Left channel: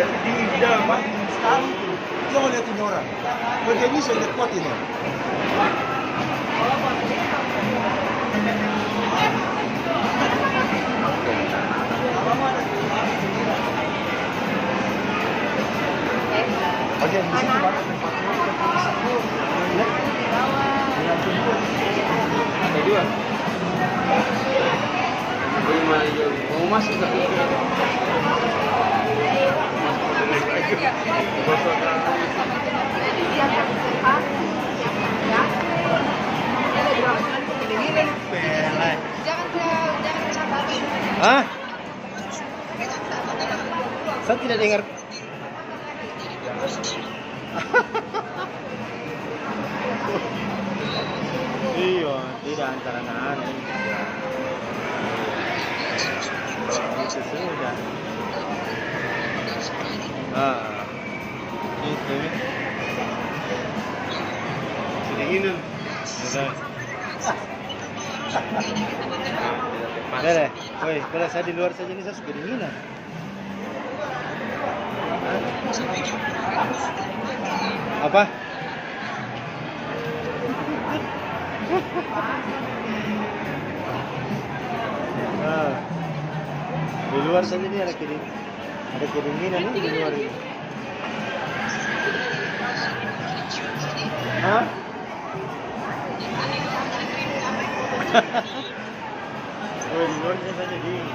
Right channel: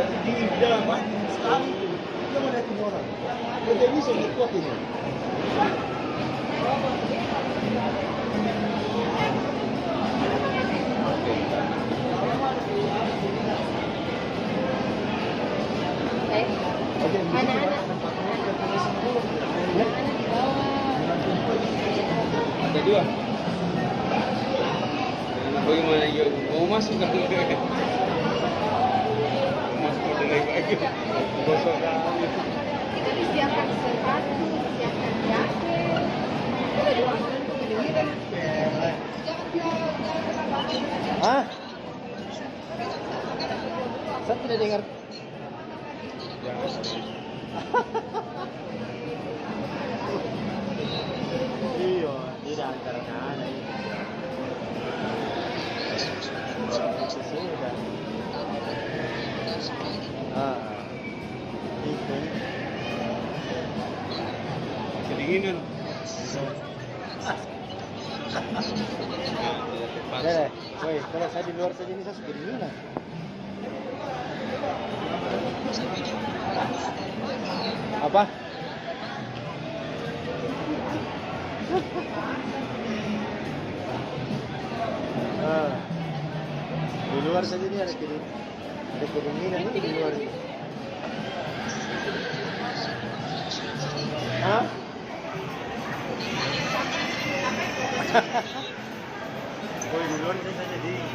Sekarang tuh, dia mau lihat ini orang. Kalau dia bisa lihat kuat ini. Ada dua. Bagaimana yo? Mau masuk nggak? Masuk lagi. Bosok kali. Siapkan reservasi, siapkan jaket. Ada dua makan kemudian. Jangan. Hah? Saya tidak dengar. Iya, tidak antara kanan. Itu. Kedinginan. Deh, woi, kalau saya di luar saja ini saya kedinginan. Apa? Di luar saja ini ada kedinginan ini di luar. Hah? Oh, di luar saja dingin.